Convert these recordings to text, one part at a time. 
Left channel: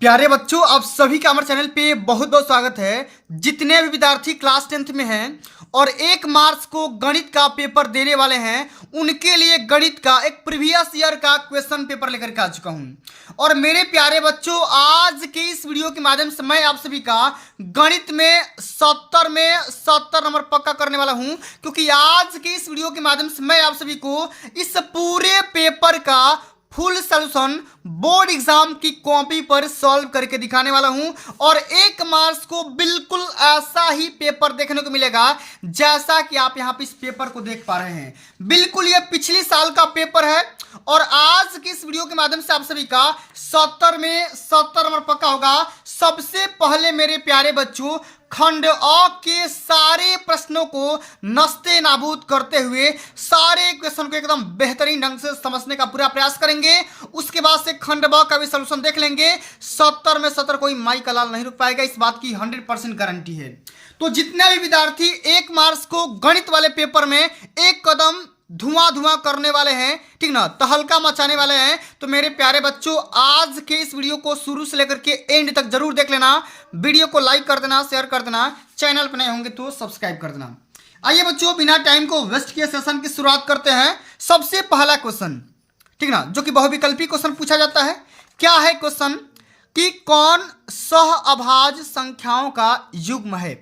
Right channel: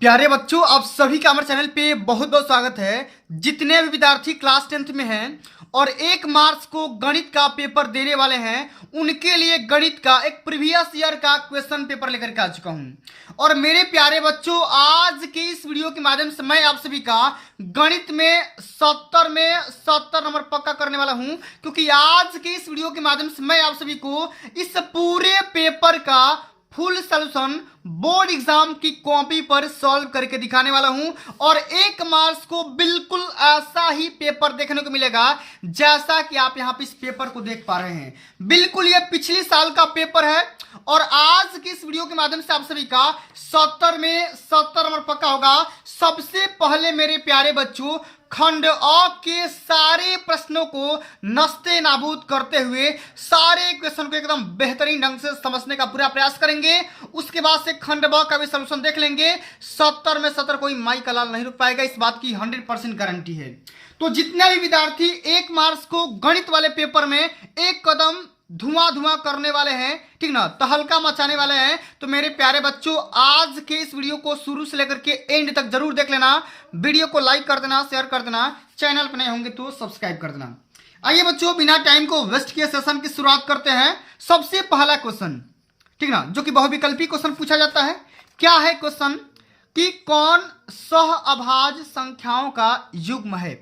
प्यारे बच्चों, आप सभी का हमारे चैनल पे बहुत बहुत स्वागत है। जितने भी विद्यार्थी क्लास 10th में हैं और 1 मार्च को गणित का पेपर देने वाले हैं, उनके लिए गणित का एक प्रीवियस ईयर का क्वेश्चन पेपर लेकर के आ चुका हूं। और मेरे प्यारे बच्चों, आज के इस वीडियो के माध्यम से मैं आप सभी का गणित में 70 नंबर पक्का करने वाला हूं, क्योंकि आज के इस वीडियो के माध्यम से मैं आप सभी को इस पूरे पेपर का फुल सॉल्यूशन बोर्ड एग्जाम की कॉपी पर सॉल्व करके दिखाने वाला हूं। और 1 मार्च को बिल्कुल ऐसा ही पेपर देखने को मिलेगा जैसा कि आप यहां पे इस पेपर को देख पा रहे हैं। बिल्कुल ये पिछले साल का पेपर है और आज की इस वीडियो के माध्यम से आप सभी का 70 में 70 नंबर पक्का होगा। सबसे पहले मेरे प्यारे बच्चों, खंड अ के सारे प्रश्नों को नस्ते नाबूद करते हुए सारे क्वेश्चन को एकदम बेहतरीन ढंग से समझने का पूरा प्रयास करेंगे। उसके बाद से खंड ब का भी सॉल्यूशन देख लेंगे। 70 में 70 कोई माई का लाल नहीं रुक पाएगा, इस बात की 100% गारंटी है। तो जितने भी विद्यार्थी 1 मार्च को गणित वाले पेपर में एक कदम धुआं करने वाले हैं, ठीक ना, तहलका मचाने वाले हैं, तो मेरे प्यारे बच्चों आज के इस वीडियो को शुरू से लेकर के एंड तक जरूर देख लेना। वीडियो को लाइक कर देना, शेयर कर देना, चैनल पर नए होंगे तो सब्सक्राइब कर देना। आइए बच्चों, बिना टाइम को वेस्ट किए सेशन की शुरुआत करते हैं। सबसे पहला क्वेश्चन, ठीक ना, जो कि बहुविकल्पी क्वेश्चन पूछा जाता है। क्या है क्वेश्चन कि कौन सह अभाज्य संख्याओं का युग्म है।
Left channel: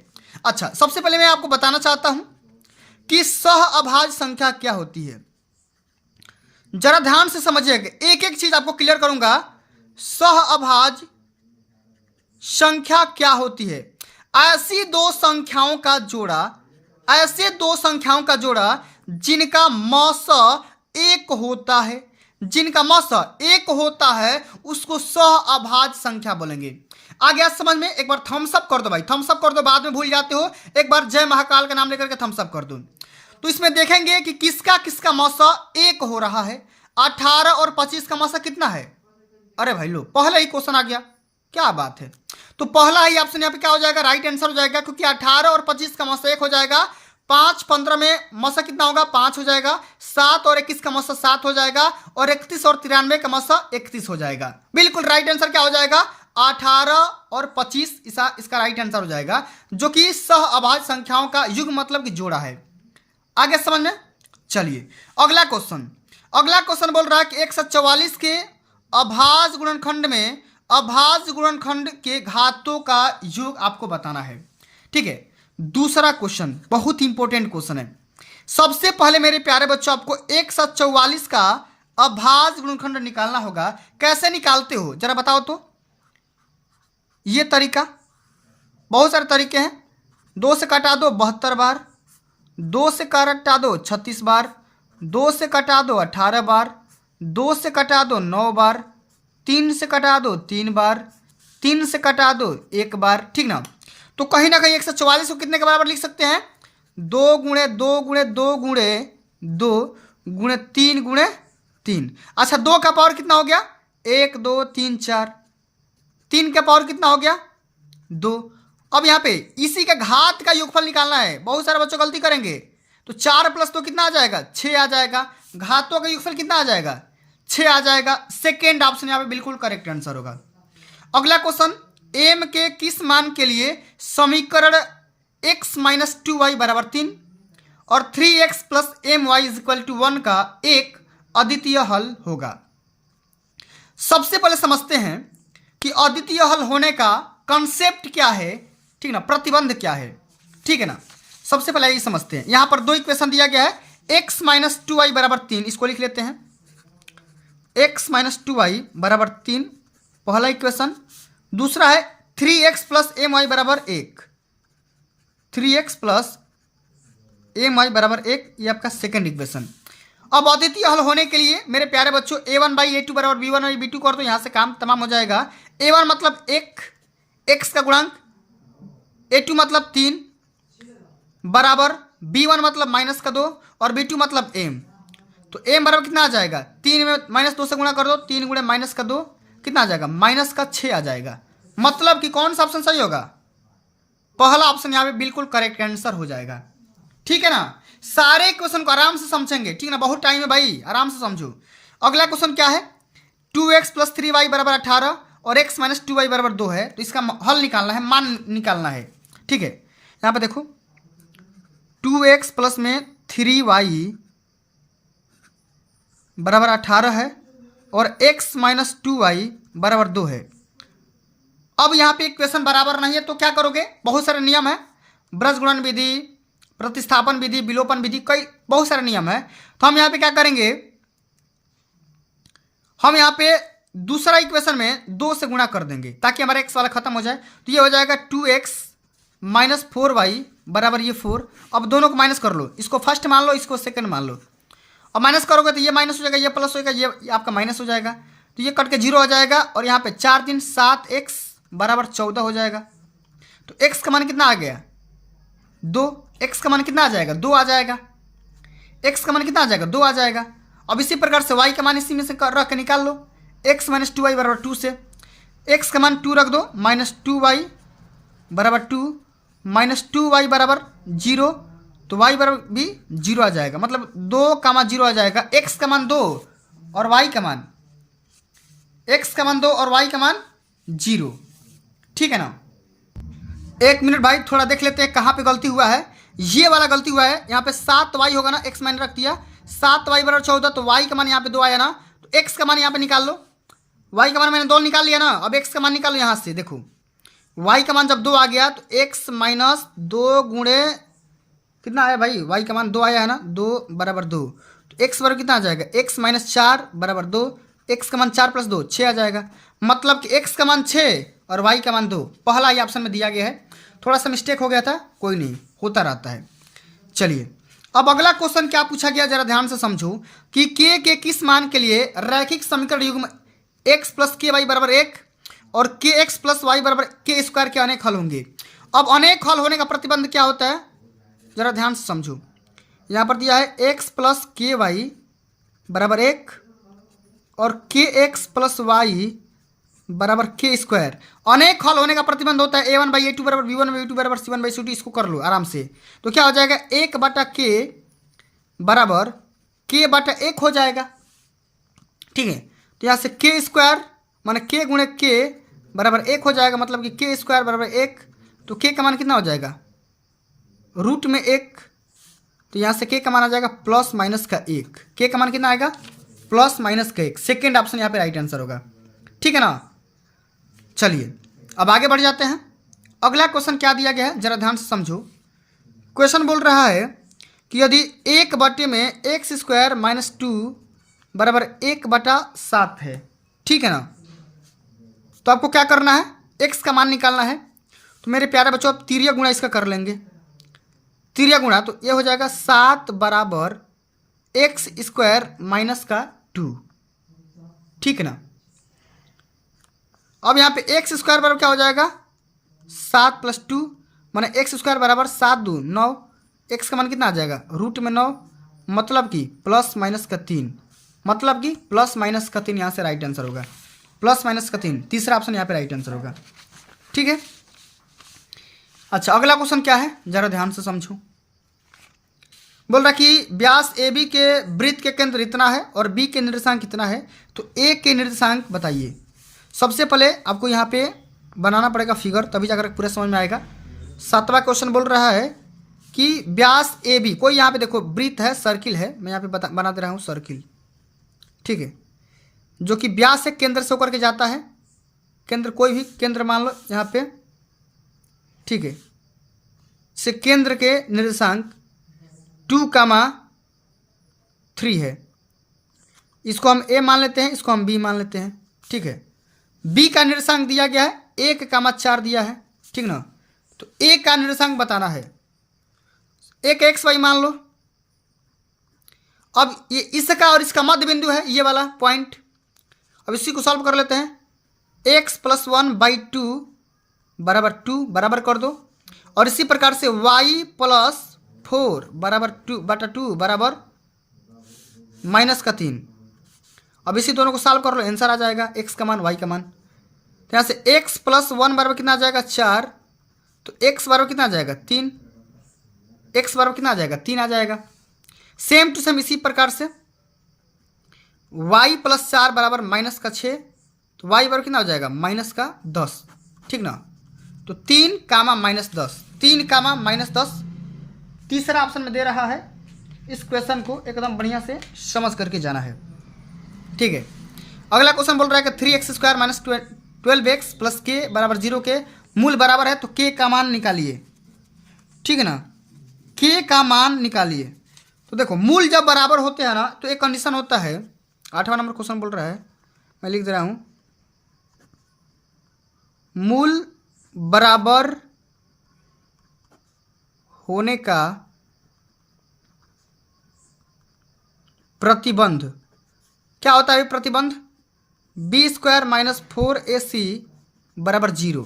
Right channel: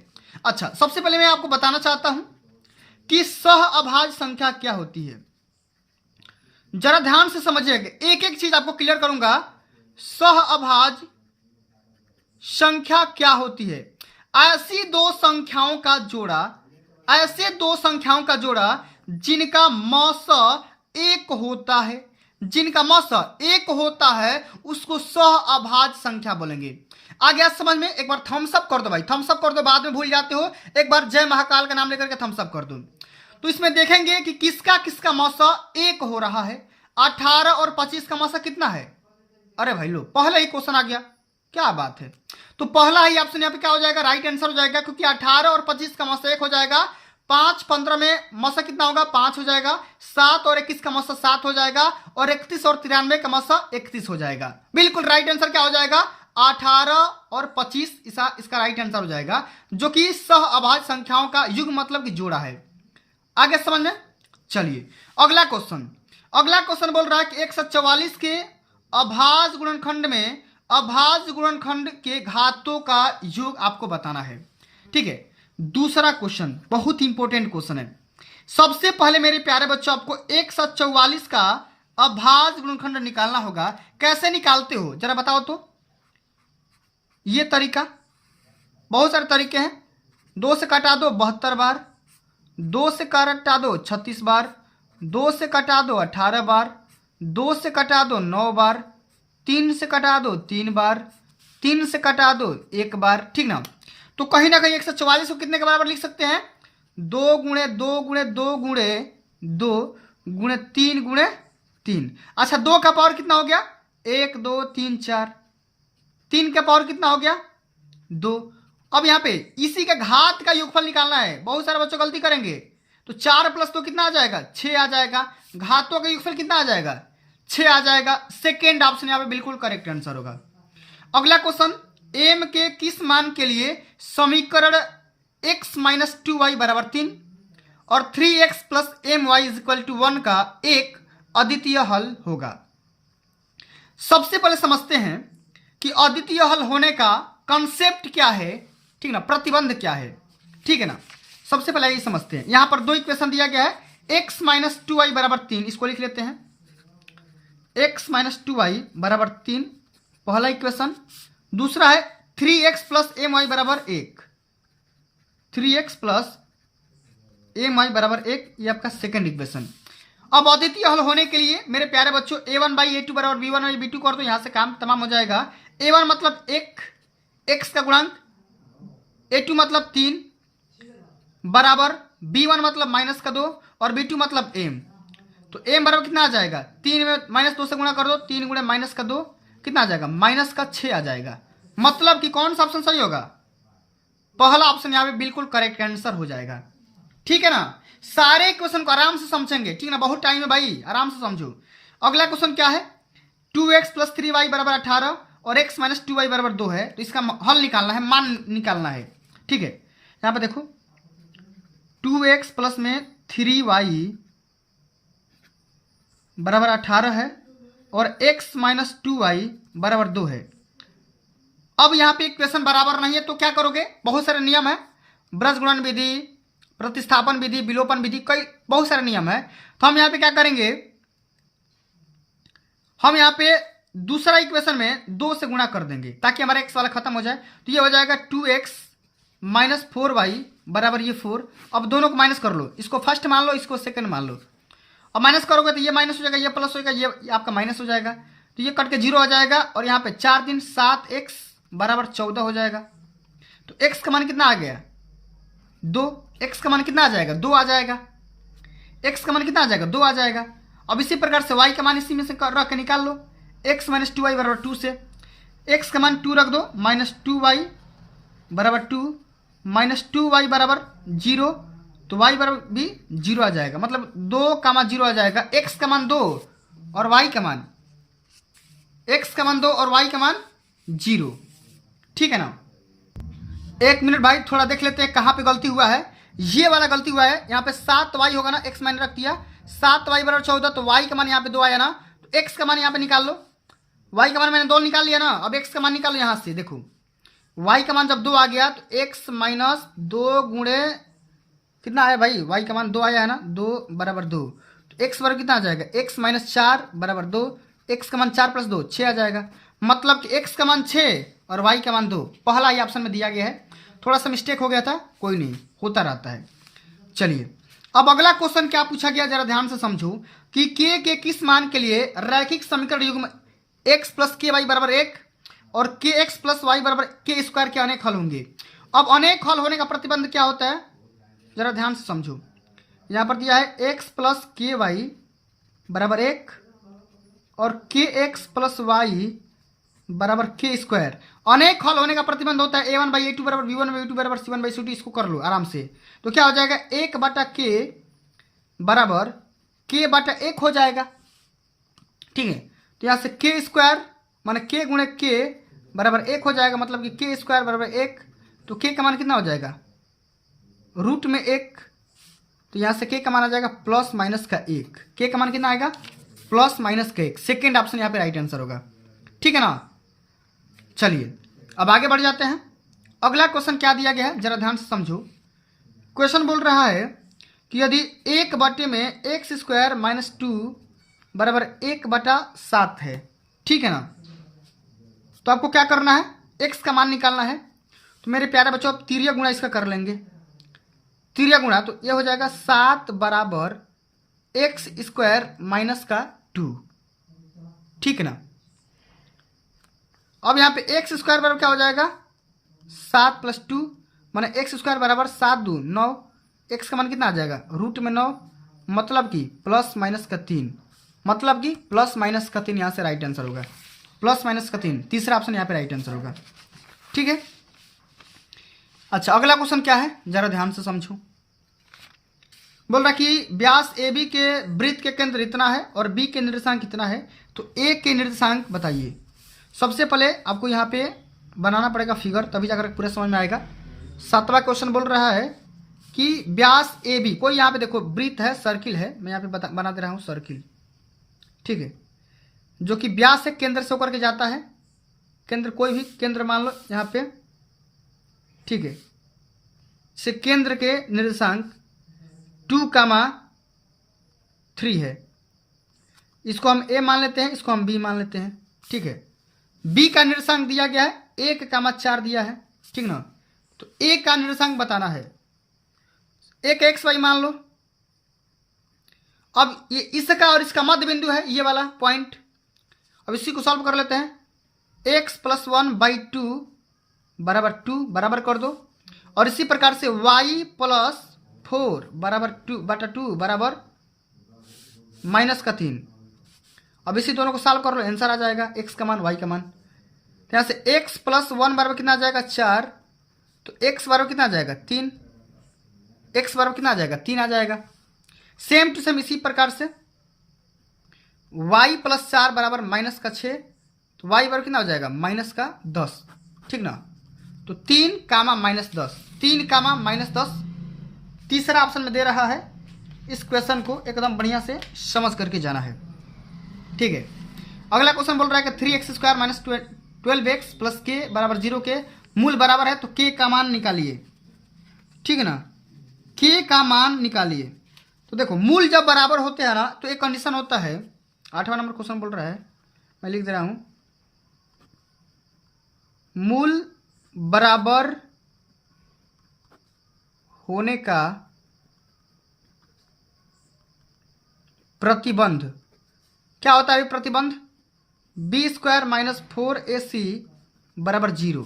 अच्छा, सबसे पहले मैं आपको बताना चाहता हूं कि सह अभाज्य संख्या क्या होती है। जरा ध्यान से समझिएगा, एक एक चीज आपको क्लियर करूंगा। सह अभाज्य संख्या क्या होती है? ऐसी दो संख्याओं का जोड़ा जिनका मस एक होता है, उसको सह अभाज्य संख्या बोलेंगे। आ गया समझ में? एक बार थम्स अप कर दो भाई, थम्स अप कर दो, बाद में भूल जाते हो। एक बार जय महाकाल का नाम लेकर के थम्स अप कर दो। तो इसमें देखेंगे कि किसका मसा एक हो रहा है। 18 और 25 का मसा कितना है? अरे भाई लो, पहला ही क्वेश्चन आ गया, क्या बात है। तो पहला ही ऑप्शन यहाँ पे क्या हो जाएगा? राइट आंसर हो जाएगा, क्योंकि 18 और 25 का मसा एक हो जाएगा। 5 15 में मसा कितना होगा? 5 हो जाएगा। 7 और 21 का मसा 7 हो जाएगा और 31 और 93 का मसा 31 हो जाएगा। बिल्कुल राइट आंसर क्या हो जाएगा? 18 और 25 इसका राइट आंसर हो जाएगा, जो कि सह अभाज्य संख्याओं का युग्म मतलब कि जोड़ा है। आगे समझ में? चलिए अगला क्वेश्चन बोल रहा है कि 144 के अभाज्य गुणनखंड के घातों का योग आपको बताना है। ठीक है, दूसरा क्वेश्चन बहुत इंपॉर्टेंट क्वेश्चन है। सबसे पहले मेरे प्यारे बच्चों, आपको 144 का अभाज्य गुणनखंड निकालना होगा। कैसे निकालते हो जरा बताओ तो? ये तरीका, बहुत सारे तरीके हैं। 2 से कटा दो 72 बार, 2 से कटा दो 36 बार, 2 से कटा दो 18 बार, 2 से कटा दो 9 बार, 3 से कटा दो 3 बार, 3 से कटा दो 1 बार, ठीक ना। तो कहीं ना कहीं 144 को कितने के बराबर लिख सकते हैं? 2 गुणे 2 गुणे 2 गुणे 2 गुणे 3 गुणे 3। अच्छा, 2 का पावर कितना हो गया? 1 2 3 4। 3 का पावर कितना हो गया? 2। अब यहाँ पे इसी का घात का योगफल निकालना है। बहुत सारे बच्चों गलती करेंगे, तो 4 प्लस 2 कितना आ जाएगा? 6 आ जाएगा। घातों का योगफल कितना आ जाएगा? 6 आ जाएगा। सेकेंड ऑप्शन यहाँ पे बिल्कुल करेक्ट आंसर होगा। अगला क्वेश्चन, m के किस मान के लिए समीकरण x - 2y = 3 और 3x + my = 1 का एक अद्वितीय हल होगा। सबसे पहले समझते हैं कि अद्वितीय हल होने का कंसेप्ट क्या है, ठीक ना, प्रतिबंध क्या है, ठीक है ना। सबसे पहले ये समझते हैं। यहां पर 2 इक्वेशन दिया गया है। x - 2y = 3, इसको लिख लेते हैं। x - 2y = 3 पहला इक्वेशन। दूसरा है 3x + my = 1, 3x + my = 1, ये आपका सेकंड इक्वेशन। अब अद्वितीय हल होने के लिए मेरे प्यारे बच्चों, a1/a2 = b1/b2 कर दो, यहां से काम तमाम हो जाएगा। a1 मतलब 1, x का गुणांक, a2 मतलब 3 बराबर b1 मतलब -2 और b2 मतलब m। तो m बराबर कितना आ जाएगा? 3 में -2 से गुणा कर दो, 3 गुणे -2 कितना आ जाएगा? -6 आ जाएगा। मतलब कि कौन सा ऑप्शन सही होगा? पहला ऑप्शन यहाँ पे बिल्कुल करेक्ट आंसर हो जाएगा। ठीक है ना। सारे क्वेश्चन को आराम से समझेंगे, ठीक ना, बहुत टाइम है भाई, आराम से समझो। अगला क्वेश्चन क्या है? 2x + 3y = 18 और x माइनस 2y बराबर 2 है, तो इसका हल निकालना है, मान निकालना है। ठीक है, यहाँ पे देखो 2x प्लस में 3y बराबर 18 है और x माइनस 2y बराबर 2 है। अब यहाँ पे इक्वेशन बराबर नहीं है तो क्या करोगे, बहुत सारे नियम है, ब्रज गुणन विधि, प्रतिस्थापन विधि, विलोपन विधि, कई बहुत सारे नियम है। तो हम यहाँ पे क्या करेंगे, हम यहाँ पे दूसरा इक्वेशन में 2 से गुणा कर देंगे ताकि हमारा x वाला खत्म हो जाए। तो ये हो जाएगा 2x माइनस 4y बराबर ये 4। अब दोनों को माइनस कर लो, इसको फर्स्ट मान लो, इसको सेकंड मान लो। अब माइनस करोगे तो ये माइनस हो जाएगा, ये प्लस हो जाएगा, ये आपका माइनस हो जाएगा, तो ये कट के 0 हो जाएगा और यहाँ पे 4 दिन 7x बराबर 14 हो जाएगा। तो x का मान कितना आ गया 2, x का मान कितना आ जाएगा 2 आ जाएगा, x का मान कितना आ जाएगा 2 आ जाएगा। अब इसी प्रकार से y का मान इसी में से रख के निकाल लो, x माइनस 2y बराबर 2 से x का मान 2 रख दो, माइनस 2y बराबर 2 माइनस 2y बराबर 0, तो y बराबर भी 0 आ जाएगा, मतलब 2 का मान 0 आ जाएगा। x का मान 2 और y का मान, x का मान 2 और y का मान 0। ठीक है ना, एक मिनट भाई थोड़ा देख लेते हैं कहाँ पे गलती हुआ है। ये वाला गलती हुआ है, यहाँ पे 7y होगा ना, x मैंने रख दिया 7y बराबर 14, तो y का मान यहाँ पे 2 आया ना, तो x का मान यहाँ पे निकाल लो, y का मान मैंने 2 निकाल लिया ना। अब x का मान निकालो यहाँ से, देखो y का मान जब 2 आ गया तो x माइनस 2 गुणे कितना आया भाई, y का मान 2 आया है ना, 2 बराबर 2, तो x बराबर कितना आ जाएगा, x माइनस 4 बराबर 2, x का मान 4 प्लस 2 6 आ जाएगा, मतलब कि x का मान 6 और y का मान 2। पहला ही ऑप्शन में दिया गया है, थोड़ा सा मिस्टेक हो गया था, कोई नहीं, होता रहता है। चलिए अब अगला क्वेश्चन क्या पूछा गया, जरा ध्यान से समझो कि k के किस मान के लिए रैखिक समीकरण युग्म x प्लस के वाई बराबर 1 और के एक्स प्लस वाई बराबर के स्क्वायर के अनेक हल होंगे। अब अनेक हल होने का प्रतिबंध क्या होता है, जरा ध्यान से समझो। यहाँ पर दिया है x प्लस के वाई बराबर 1 और के एक्स प्लस वाई बराबर के स्क्वायर। अनेक हल होने का प्रतिबंध होता है a1 बाई a2 बराबर b1 बाई a2 बराबर c1 बाई c2। इसको कर लो आराम से, तो क्या हो जाएगा 1 बटा के बराबर के बटा 1 हो जाएगा। ठीक है, तो यहाँ से के स्क्वायर माने के गुणे के बराबर 1 हो जाएगा, मतलब कि के स्क्वायर बराबर 1, तो के का मान कितना हो जाएगा रूट में 1, तो यहाँ से के का मान आ जाएगा प्लस माइनस का 1, के का मान कितना आएगा प्लस माइनस का 1। सेकेंड ऑप्शन यहाँ पे राइट आंसर होगा। ठीक है ना, चलिए अब आगे बढ़ जाते हैं। अगला क्वेश्चन क्या दिया गया है, जरा ध्यान से समझो। क्वेश्चन बोल रहा है कि यदि 1 बटे में एक्स स्क्वायर माइनस 2 बराबर 1 बटा 7 है, ठीक है ना, तो आपको क्या करना है, एक्स का मान निकालना है। तो मेरे प्यारे बच्चों आप तिरिया गुणा इसका कर लेंगे, तिरिया गुणा, तो ये हो जाएगा 7 बराबर एक्स स्क्वायर माइनस का 2। ठीक है ना, अब यहाँ पे एक्स स्क्वायर बराबर क्या हो जाएगा 7 प्लस 2 माने एक्स स्क्वायर बराबर 7 2 9, एक्स का मान कितना आ जाएगा रूट में 9, मतलब कि प्लस माइनस का 3, मतलब कि प्लस माइनस का 3 यहाँ से राइट आंसर होगा, प्लस माइनस का 3, तीसरा ऑप्शन यहाँ पे राइट आंसर होगा। ठीक है, अच्छा अगला क्वेश्चन क्या है, जरा ध्यान से समझो। बोल रहा कि व्यास ए बी के वृत्त के केंद्र इतना है और बी के निर्देशांक कितना है, तो ए के निर्देशांक बताइए। सबसे पहले आपको यहाँ पे बनाना पड़ेगा फिगर, तभी जाकर पूरा समझ में आएगा। 7वां क्वेश्चन बोल रहा है कि व्यास ए बी, कोई यहाँ पे देखो वृत्त है, सर्किल है, मैं यहाँ पे बना दे रहा हूँ सर्किल। ठीक है, जो कि व्यास से केंद्र से होकर के जाता है, केंद्र कोई भी केंद्र मान लो यहाँ पे। ठीक है, से केंद्र के निर्देशांक 2,3 है, इसको हम ए मान लेते हैं, इसको हम बी मान लेते हैं। ठीक है, बी का निर्देशांक दिया गया है 1,4 दिया है। ठीक ना, तो ए का निर्देशांक बताना है, एक एक्स वाई मान लो। अब ये इसका और इसका मध्य बिंदु है ये वाला पॉइंट, अब इसी को सॉल्व कर लेते हैं। एक्स प्लस 1/2 बराबर 2 बराबर कर दो, और इसी प्रकार से y प्लस 4 बराबर 2/2 बराबर माइनस का 3। अब इसी दोनों को सॉल्व कर लो, आंसर आ जाएगा x का मान y का मान। तो यहाँ से x प्लस 1 बराबर कितना आ जाएगा 4, तो x बराबर कितना आ जाएगा 3, x बराबर कितना आ जाएगा 3 आ जाएगा। सेम टू सेम इसी प्रकार से y प्लस 4 बराबर माइनस का 6 तो वाई बराबर कितना हो जाएगा -10, ठीक ना। तो 3 कामा -10, 3 कामा -10 तीसरा ऑप्शन में दे रहा है। इस क्वेश्चन को एकदम बढ़िया से समझ करके जाना है, ठीक है। अगला क्वेश्चन बोल रहा है कि 3x² - 12x + k बराबर 0 के मूल बराबर है, तो k का मान निकालिए, ठीक है ना। k का मान निकालिए। तो देखो मूल जब बराबर होते हैं ना तो एक कंडीशन होता है। 8वां नंबर क्वेश्चन बोल रहा है, मैं लिख दे रहा हूं, मूल बराबर होने का प्रतिबंध क्या होता है? प्रतिबंध b² - 4ac बराबर 0।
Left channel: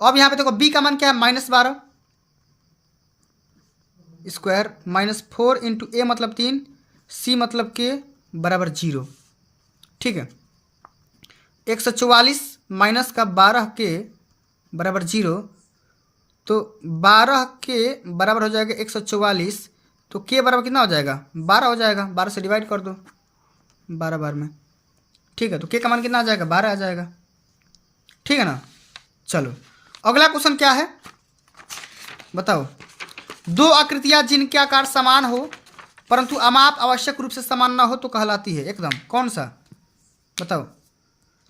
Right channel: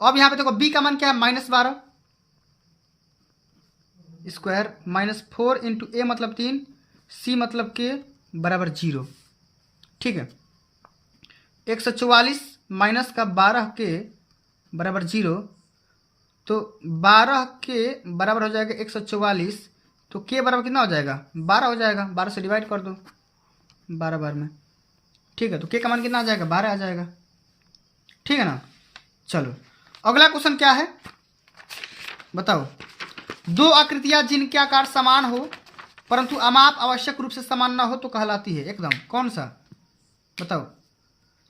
अब यहाँ पे देखो b का मान क्या है? -12 स्क्वायर -4 इंटू a मतलब 3, c मतलब k बराबर 0, ठीक है। 144 माइनस का 12 के बराबर 0, तो 12 के बराबर हो जाएगा 144, तो k बराबर कितना हो जाएगा? 12 हो जाएगा। 12 से डिवाइड कर दो 12 बार में, ठीक है। तो k का मान कितना आ जाएगा? 12 आ जाएगा, ठीक है ना। चलो अगला क्वेश्चन क्या है बताओ। दो आकृतियां जिनके आकार समान हो परंतु अमाप आवश्यक रूप से समान ना हो तो कहलाती है एकदम कौन सा? बताओ।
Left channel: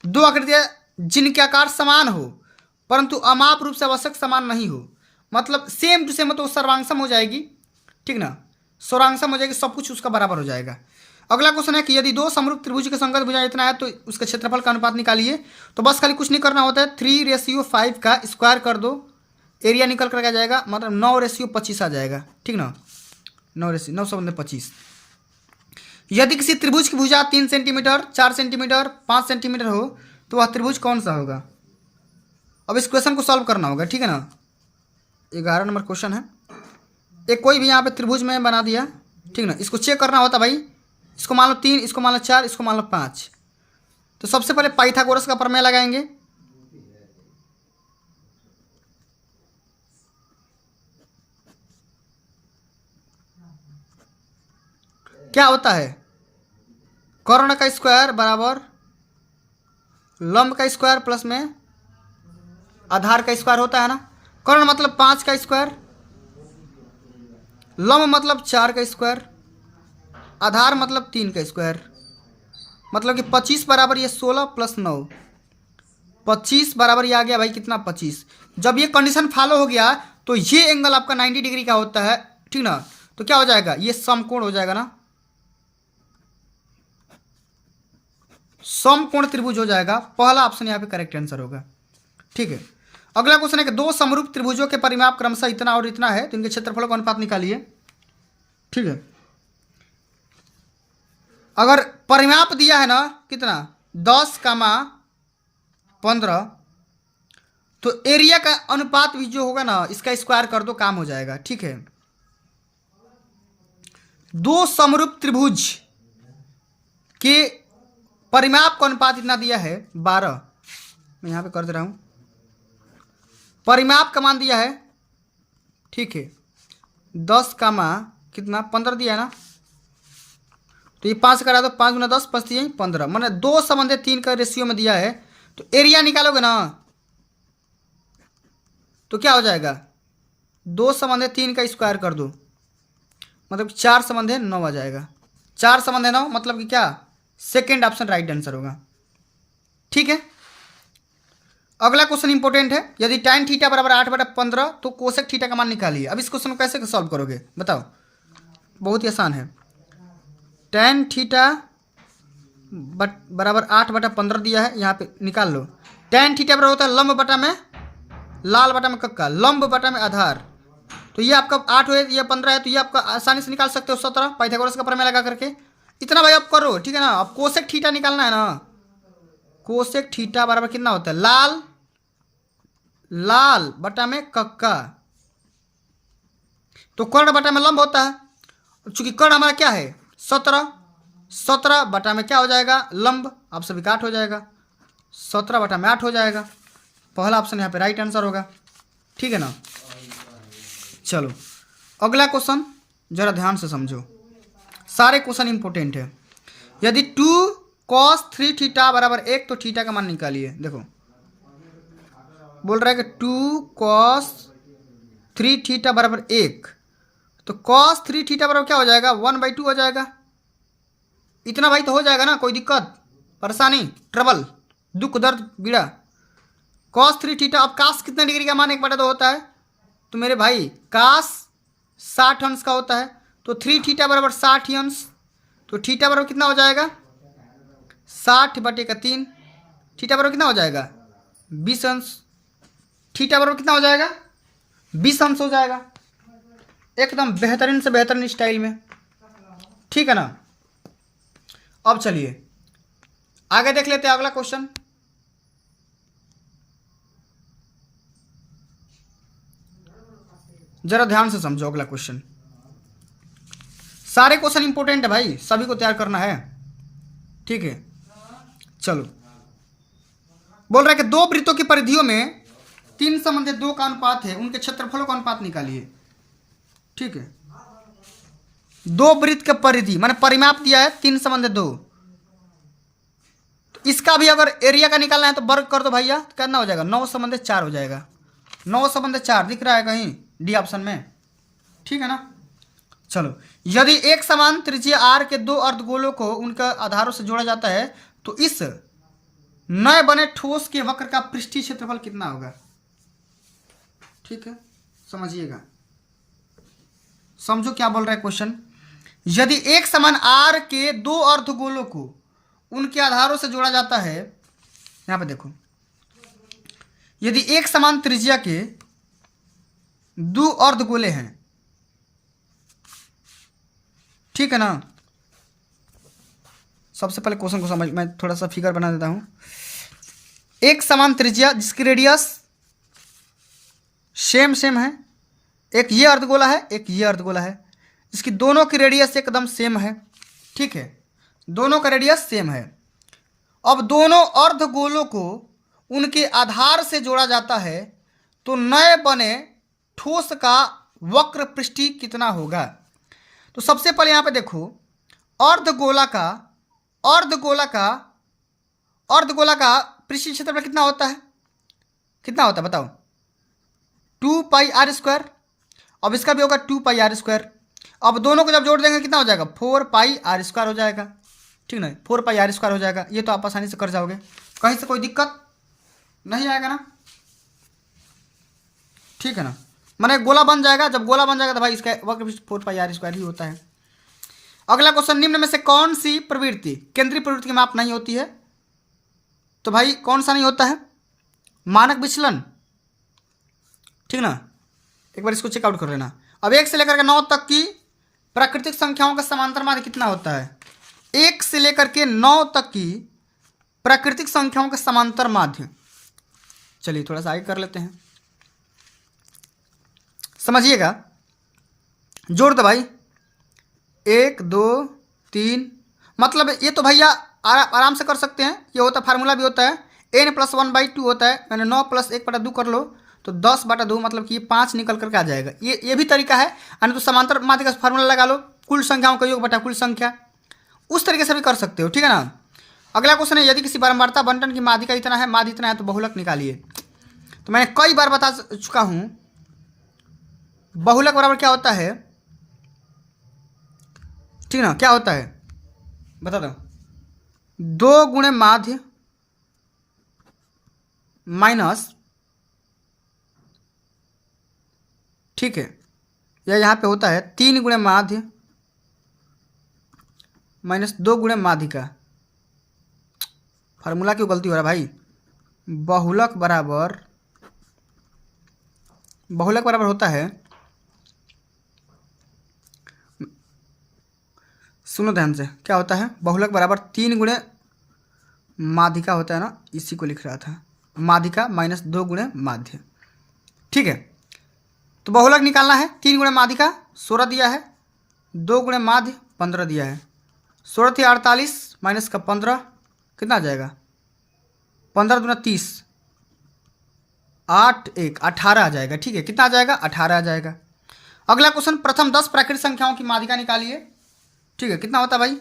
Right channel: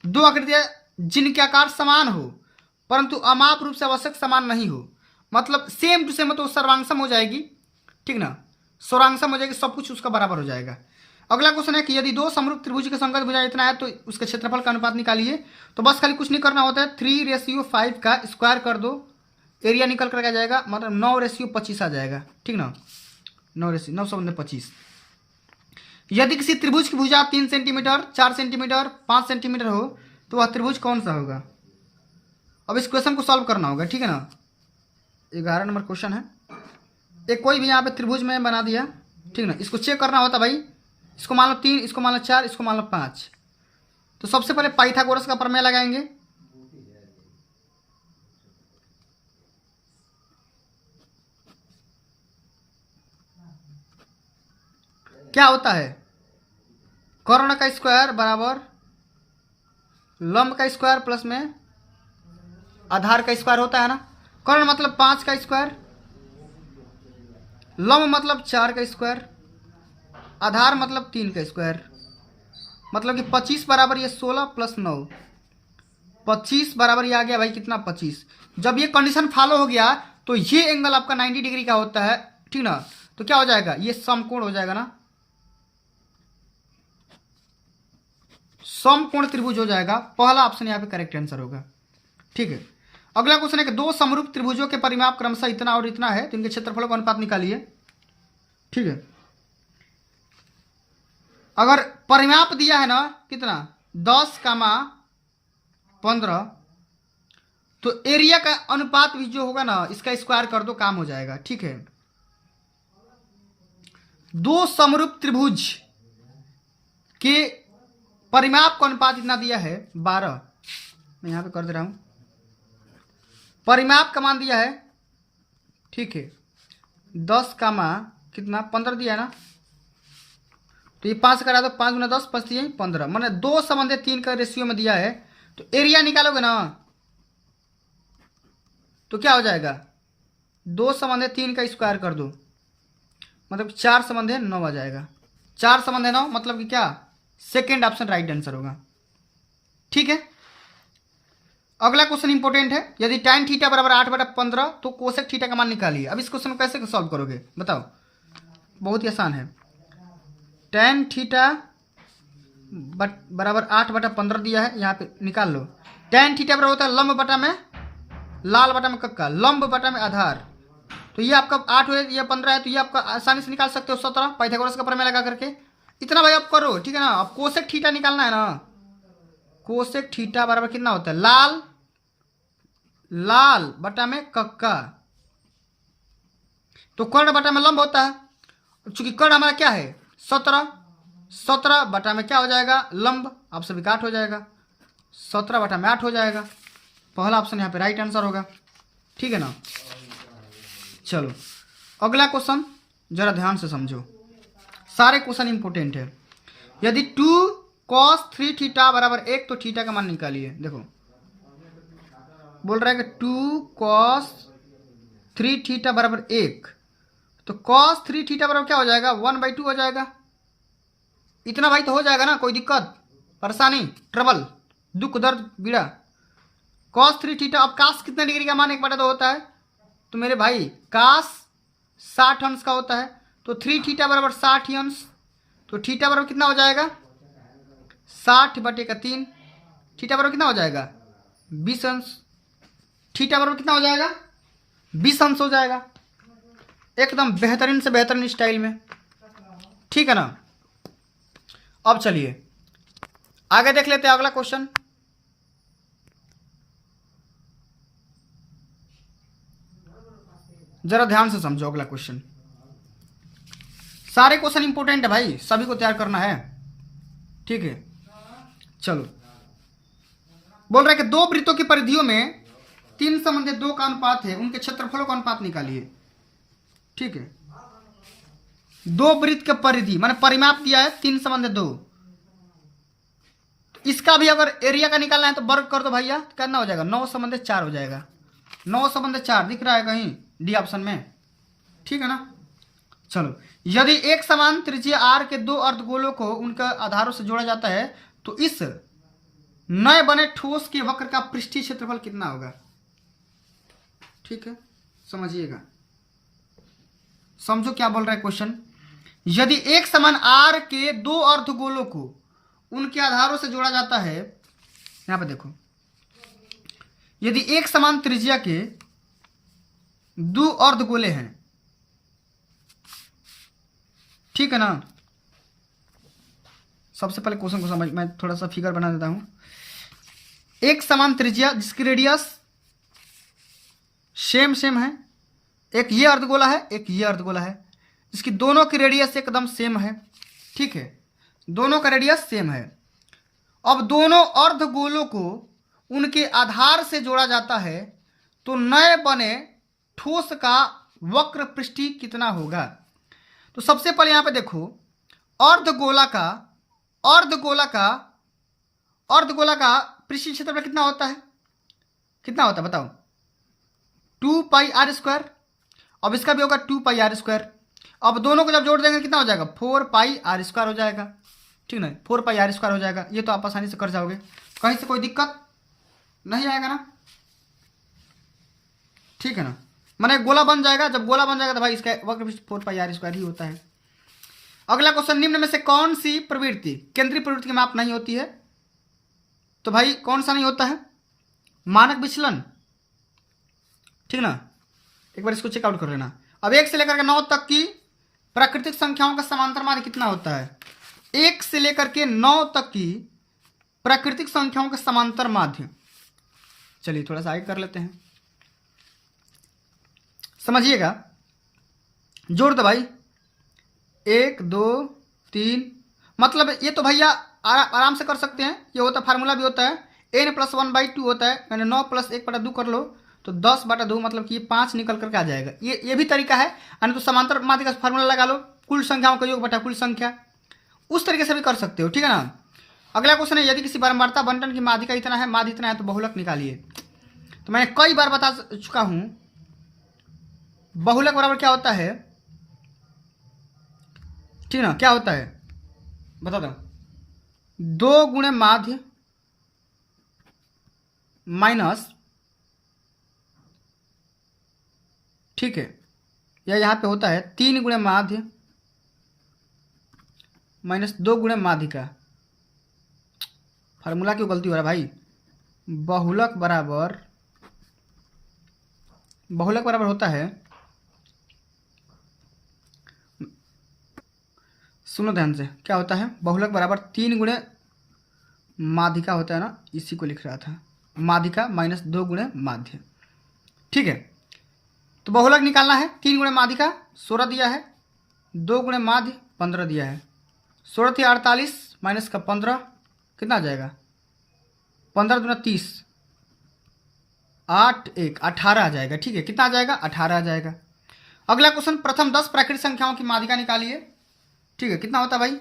दो आकृतियां जिनके आकार समान हो परंतु अमाप रूप से आवश्यक समान नहीं हो, मतलब सेम टू सेम, तो सर्वांगसम हो जाएगी, ठीक ना। सर्वांगसम हो जाएगी, सब कुछ उसका बराबर हो जाएगा। अगला क्वेश्चन है कि यदि दो समरूप त्रिभुज के संगत भुजा इतना है तो उसके क्षेत्रफल का अनुपात निकालिए। तो बस खाली कुछ नहीं करना होता है, 3:5 का स्क्वायर कर दो, एरिया निकल कर आ जाएगा, मतलब 9:25 आ जाएगा, ठीक ना। 9:25। यदि किसी त्रिभुज की भुजा 3 सेंटीमीटर, 4 सेंटीमीटर, 5 सेंटीमीटर हो तो वह त्रिभुज कौन सा होगा? अब इस क्वेश्चन को सॉल्व करना होगा, ठीक है ना। 11 नंबर क्वेश्चन है। एक कोई भी यहाँ पे त्रिभुज में बना दिया, ठीक ना। इसको चेक करना होता भाई, इसको मान लो 3, इसको मान लो 4, इसको मान लो 5। तो सबसे पहले पाइथागोरस का प्रमेय लगाएंगे। क्या होता है? कर्ण का स्क्वायर बराबर लंब का स्क्वायर प्लस में आधार का स्क्वायर होता है ना। कर्ण मतलब 5 का स्क्वायर, लंब मतलब 4 का स्क्वायर, आधार मतलब 3 का स्क्वायर, मतलब कि 25 बराबर ये 16 प्लस 9, 25 बराबर ये आ गया भाई कितना? 25। जब ये कंडीशन फॉलो हो गया तो ये एंगल आपका 90 डिग्री का होता है, ठीक ना। तो क्या हो जाएगा? ये समकोण हो जाएगा ना, समकोण त्रिभुज हो जाएगा। पहला ऑप्शन यहाँ पे करेक्ट आंसर होगा, ठीक है। अगला क्वेश्चन है कि दो समरूप त्रिभुजों के परिमाप क्रमशः इतना और इतना है तो इनके क्षेत्रफलों का अनुपात निकालिए, ठीक है। अगर परिमाप दिया है ना कितना? 10,15, तो एरिया का अनुपात भी जो होगा ना इसका स्क्वायर कर दो, काम हो जाएगा, ठीक है। दो समरूप त्रिभुज के परिमाप का अनुपात इतना दिया है 12, मैं यहां पे कर दे रहा हूं। परिमाप का मान दिया है, ठीक है, 10 का मान कितना? 15 दिया है ना। तो ये 5 करा दो, 5 गुना 10 5 दिए 15, मैंने 2:3 का रेशियो में दिया है। तो एरिया निकालोगे ना तो क्या हो जाएगा? 2/3 का स्क्वायर कर दो, मतलब 4/9 आ जाएगा। 4/9 मतलब कि क्या? सेकेंड ऑप्शन राइट आंसर होगा, ठीक है। अगला क्वेश्चन इंपॉर्टेंट है। यदि tan थीटा बराबर 8/15 तो कोसेक थीटा का मान निकालिए। अब इस क्वेश्चन को कैसे सॉल्व करोगे बताओ? बहुत ही आसान है। tan थीटा बराबर 8/15 दिया है, यहाँ पे निकाल लो। tan थीटा बराबर होता है लंब बटा में लाल बटा में कक्का, लंब बटा में आधार। तो ये आपका 8 है, ये 15 है, तो ये आपका आसानी से निकाल सकते हो 17 पाइथागोरस का प्रमेय लगा करके। इतना भाई आप करो, ठीक है ना। अब कोसेक थीटा निकालना है ना। कोसेक थीटा बराबर कितना होता है? लाल बटा में कक्का, तो कर्ण बटा में लंब होता है। चूंकि कर्ण हमारा क्या है? 17 बटा में क्या हो जाएगा? लंब। आप सभी का 8 हो जाएगा, 17 बटा में 8 हो जाएगा। पहला ऑप्शन यहाँ पे राइट आंसर होगा, ठीक है ना। चलो अगला क्वेश्चन जरा ध्यान से समझो, सारे क्वेश्चन इंपॉर्टेंट है। यदि 2 कॉस 3 थीटा बराबर 1, तो थीटा का मान निकालिए। देखो बोल रहा है कि 2 कॉस 3 थीटा बराबर 1, तो कॉस 3 थीटा बराबर क्या हो जाएगा, 1/2 हो जाएगा। इतना भाई तो हो जाएगा ना, कोई दिक्कत परेशानी ट्रबल दुख दर्द पीड़ा। कॉस 3 थीटा, अब कास कितने डिग्री का मान 1/2 होता है, तो मेरे भाई कास 60 अंश का होता है, तो 3 थीटा बराबर 60 अंश, तो थीटा बराबर कितना हो जाएगा 60/3। थीटा बराबर कितना हो जाएगा 20 अंश। थीटा बराबर कितना हो जाएगा 20 अंश हो जाएगा, एकदम बेहतरीन से बेहतरीन स्टाइल में, ठीक है ना। अब चलिए आगे देख लेते हैं अगला क्वेश्चन। जरा ध्यान से समझो अगला क्वेश्चन, सारे क्वेश्चन इंपॉर्टेंट है भाई, सभी को तैयार करना है, ठीक है। चलो बोल रहे हैं कि दो वृत्तों की परिधियों में 3 संबंधित 2 का अनुपात है, उनके क्षेत्रफलों का अनुपात निकालिए, ठीक है। दो वृत्त के परिधि माने परिमाप दिया है 3 संबंधित 2, इसका भी अगर एरिया का निकालना है तो वर्ग कर दो भैया, कितना हो जाएगा 9 संबंधित 4 हो जाएगा। 9 संबंधित 4 दिख रहा है कहीं डी ऑप्शन में, ठीक है ना। चलो यदि एक समान त्रिज्या आर के 2 अर्धगोलों को उनके आधारों से जोड़ा जाता है तो इस नए बने ठोस के वक्र का पृष्ठीय क्षेत्रफल कितना होगा, ठीक है। समझिएगा, समझो क्या बोल रहा है क्वेश्चन। यदि एक समान आर के 2 अर्धगोलों को उनके आधारों से जोड़ा जाता है, यहां पे देखो, यदि एक समान त्रिज्या के 2 अर्धगोले हैं, ठीक है ना। सबसे पहले क्वेश्चन को समझ, मैं थोड़ा सा फिगर बना देता हूं। एक समान त्रिज्या जिसकी रेडियस सेम है, एक ये अर्धगोला है एक ये अर्धगोला है, इसकी दोनों की रेडियस एकदम सेम है, ठीक है, दोनों का रेडियस सेम है। अब दोनों अर्धगोलों को उनके आधार से जोड़ा जाता है तो नए बने ठोस का वक्र पृष्ठीय कितना होगा। तो सबसे पहले यहां पे देखो, अर्धगोला का पृष्ठीय क्षेत्रफल कितना होता है, कितना होता है बताओ, 2πr²। अब इसका भी होगा 2πr²। अब दोनों को जब जोड़ देंगे कितना हो जाएगा 4πr² हो जाएगा, ठीक ना, 4πr² हो जाएगा। ये तो आप आसानी से कर जाओगे, कहीं से कोई दिक्कत नहीं आएगा ना, ठीक है ना। माने गोला बन जाएगा, जब गोला बन जाएगा तो भाई इसका वक्र 4πr² ही होता है। अगला क्वेश्चन, निम्न में से कौन सी प्रवृत्ति केंद्रीय प्रवृत्ति के माप नहीं होती है, तो भाई कौन सा नहीं होता है, मानक विचलन, ठीक ना। एक बार इसको चेकआउट कर लेना। अब 1 से लेकर के 9 तक की प्राकृतिक संख्याओं का समांतर माध्य कितना होता है, 1 से लेकर के 9 तक की प्राकृतिक संख्याओं का समांतर माध्य। चलिए थोड़ा सा आगे कर लेते हैं, समझिएगा, जोड़ दो भाई, 1 2 3, मतलब ये तो भैया आराम से कर सकते हैं, ये होता फार्मूला भी होता है, n+1/2 होता है, मैंने 9 + 1/2 कर लो तो 10/2, मतलब कि ये 5 निकल करके आ जाएगा। ये भी तरीका है, यानी तो समांतर माध्य का फार्मूला लगा लो, कुल संख्याओं का योग बटा कुल संख्या, उस तरीके से भी कर सकते हो, ठीक है ना। अगला क्वेश्चन है, यदि किसी बारंबारता बंटन की माध्यिका इतना है, माध्य इतना है, तो बहुलक निकालिए। तो मैंने कई बार बता चुका हूं, बहुलक बराबर क्या होता है, ठीक ना, क्या होता है बता दो, 2 गुणे माध्य माइनस, ठीक है, या यहाँ पे होता है 3 गुणे माध्य माइनस 2 गुणे माध्यिका। फार्मूला क्यों गलती हो रहा है भाई, बहुलक बराबर होता है, सुनो ध्यान से, क्या होता है, बहुलक बराबर 3 गुणे माध्यिका होता है ना, इसी को लिख रहा था, माध्यिका माइनस 2 गुणे माध्य, ठीक है। तो बहुलक निकालना है, 3 गुणे माध्यिका 16 दिया है, 2 गुणे माध्य 15 दिया है, 16 थी 48 माइनस का 15 कितना आ जाएगा, 15 दूना 30, 8 1 18 आ जाएगा, ठीक है, कितना आ जाएगा 18 आ जाएगा। अगला क्वेश्चन, प्रथम 10 प्राकृतिक संख्याओं की माध्यिका निकालिए, ठीक है, कितना होता है भाई,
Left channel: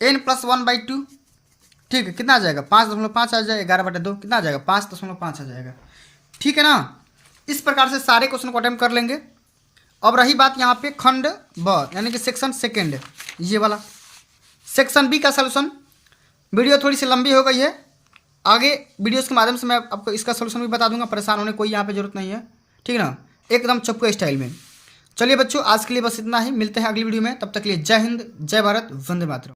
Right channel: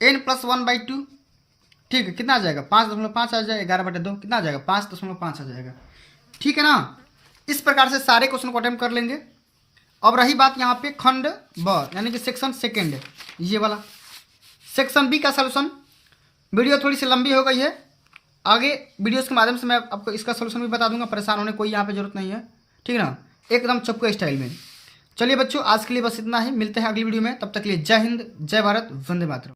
n+1/2, ठीक है, कितना आ जाएगा 5.5 आ जाएगा, 11/2 कितना आ जाएगा 5.5 आ जाएगा। ठीक है ना। इस प्रकार से सारे क्वेश्चन को अटेम्प्ट कर लेंगे। अब रही बात यहाँ पे खंड ब यानी कि सेक्शन सेकेंड, ये वाला सेक्शन बी का सोल्यूशन। वीडियो थोड़ी सी लंबी हो गई है, आगे वीडियोस के माध्यम से मैं आपको इसका सोल्यूशन भी बता दूंगा, परेशान होने कोई यहाँ पे जरूरत नहीं है। ठीक है ना, एकदम चपके स्टाइल में। चलिए बच्चों, आज के लिए बस इतना ही, मिलते हैं अगली वीडियो में, तब तक के लिए जय हिंद, जय भारत, वंदे मातरम।